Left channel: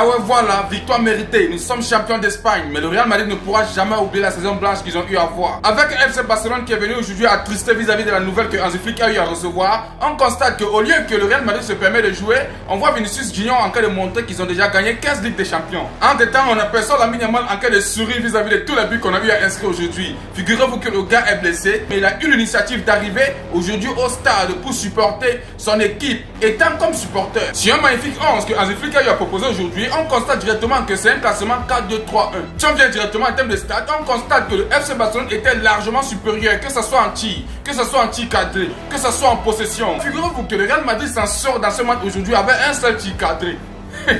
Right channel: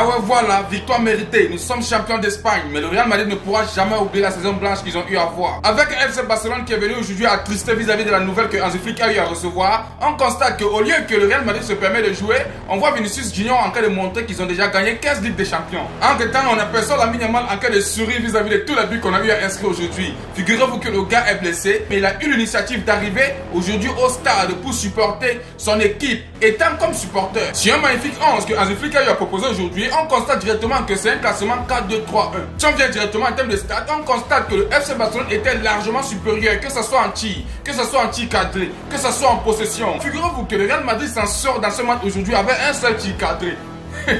Ah ouais, voilà, victoire méritée. Nous sommes champions d'Espagne, mais le Real Madrid ne pourra jamais oublier la saison blanche qu'ils ont eu à voir. Avec un FC Barcelone qui est venu aujourd'hui attristé vis-à-vis de la nouvelle que Hansi Flick a eu à recevoir, on constate qu'au lieu que le Real Madrid se permet de jouer, on voit Vinicius Junior en train de montrer qu'ils ont déjà gagné 15 Ligues des Champions. Entre temps, on aperçoit Lamine Yamal en train de sourire vis-à-vis de tous les buts qu'on a eu à inscrire aujourd'hui. Figurez-vous que le gars est blessé, mais il a eu l'initiative d'arriver aujourd'hui au stade pour supporter son équipe, étant comme supporter. C'est un magnifique 11 que Hansi Flick a eu à proposer aujourd'hui. On constate directement que c'est un classement 4-2-3-1. Si on vient directement en termes de stats, on constate que le FC Barcelone était largement supérieur, que ce soit en tir, que ce soit en tir cadré, que ce soit en possession. Figurez-vous que le Real Madrid s'en sort dans ce match aujourd'hui avec un seul tir cadré.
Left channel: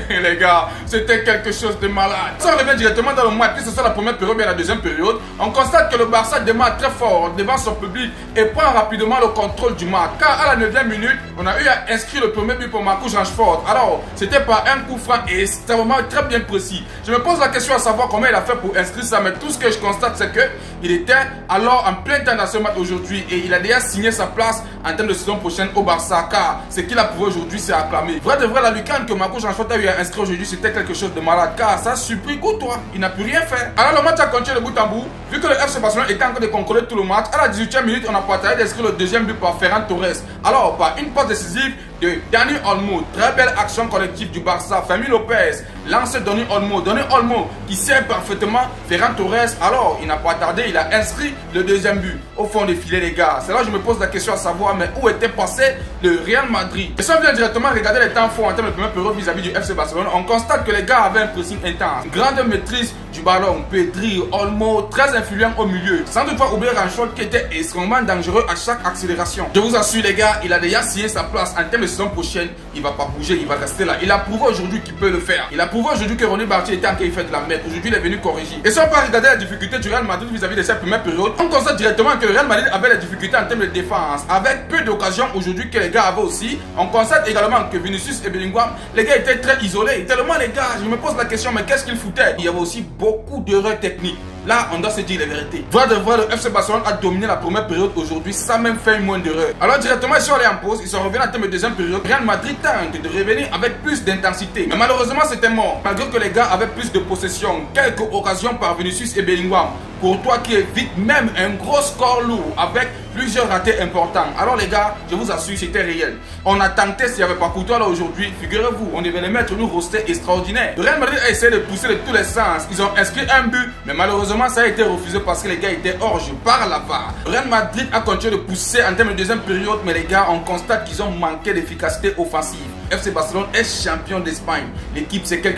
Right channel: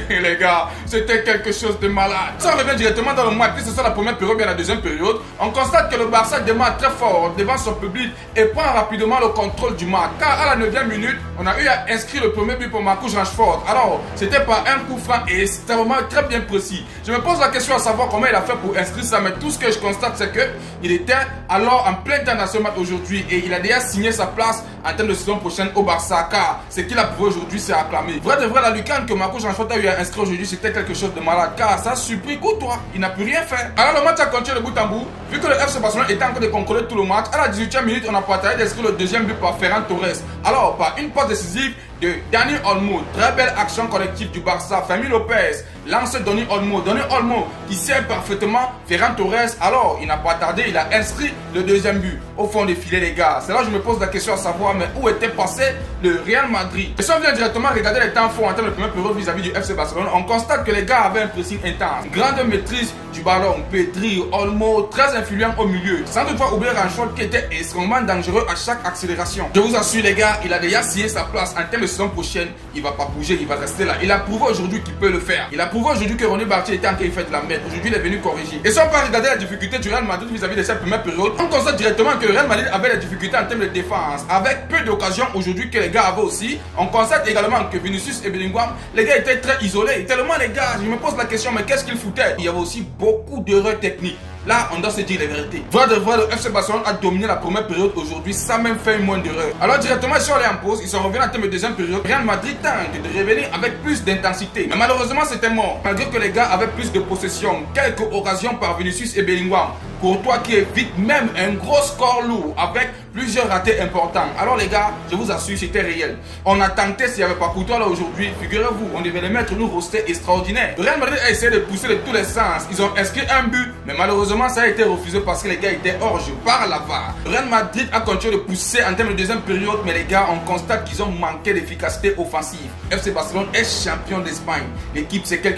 Les gars, c'était quelque chose de malade. Si on revient directement dans le match, que ce soit la première période ou la deuxième période, on constate que le Barça démarre très fort devant son public et prend rapidement le contrôle du match. Car à la 9e minute, on a eu à inscrire le premier but pour Marcus Rashford. Alors, c'était par un coup franc et extrêmement très bien précis. Je me pose la question à savoir comment il a fait pour inscrire ça, mais tout ce que je constate, c'est que il était alors en plein temps dans ce match aujourd'hui et il a déjà signé sa place en termes de saison prochaine au Barça. Car ce qu'il a prouvé aujourd'hui, c'est acclamé. Vrai de vrai, la lucarne que Marcus Rashford a eu à inscrire aujourd'hui, c'était quelque chose de malade. Car ça a surpris Courtois. Il n'a pu rien faire. Alors le match a continué de bout en bout. Vu que le FC Barcelone était en train de contrôler tout le match, à la 18e minute, on a partagé d'inscrire le deuxième but par Ferran Torres. Alors, par une passe décisive de Dani Olmo, très belle action collective du Barça. Fermin Lopez lance Dani Olmo. Dani Olmo qui sert parfaitement Ferran Torres. Alors, il n'a pas tardé, il a inscrit le deuxième but au fond des filets, les gars. C'est là que je me pose la question à savoir, mais où était passé le Real Madrid? Et si on vient directement regarder les temps forts en termes de première période vis-à-vis du FC Barcelone, on constate que les gars avaient un pressing intense. Grande maîtrise du ballon. Pedri, Olmo, très influent au milieu. Sans toutefois oublier Rashford qui était extrêmement dangereux à chaque accélération. Je vous assure, les gars, il a déjà signé sa place en termes de saison prochaine. Il va pas bouger, il va rester là. Il a prouvé aujourd'hui qu'il peut le faire. Il a prouvé aujourd'hui que Ronny Bartier était en train de faire de la merde. Aujourd'hui, il est venu corriger. Et si on va regarder la difficulté du Real Madrid vis-à-vis de cette première période, on constate directement que le Real Madrid avait des difficultés en termes de défense. Avec peu d'occasions aujourd'hui que les gars avaient aussi. On constate également que Vinicius et Bellingham, les gars étaient très isolés. Tellement les gars, je me pose la question, mais qu'est-ce qu'ils foutaient? Il y avait aussi beaucoup d'erreurs techniques. Là, on doit se dire la vérité. Vrai de vrai, le FC Barcelone a dominé la première période aujourd'hui sans même faire une moindre erreur. Alors directement, ils sont allés en pause, ils sont revenus en termes de deuxième période. Real Madrid tente de revenir avec plus d'intensité. Mais malheureusement, c'était mort. Malgré que les gars avaient plus de possession, quelques occasions par Vinicius et Bellingham. Courtois qui évite même un gros score lourd avec plusieurs ratés importants. Alors les gars, je vous assure, c'était réel. On a tenté s'il n'y avait pas Courtois là aujourd'hui. Figurez-vous, on devait les mettre nous roster extraordinaire. Le Real Madrid a essayé de pousser de tous les sens. Ils ont inscrit un but, mais malheureusement ça a été refusé parce que les gars étaient hors jeu par la VAR. Le Real Madrid a continué de pousser en termes de deuxième période, mais les gars, on constate qu'ils ont manqué d'efficacité offensive. FC Barcelone est champion d'Espagne. L'équipe, c'est quelque chose.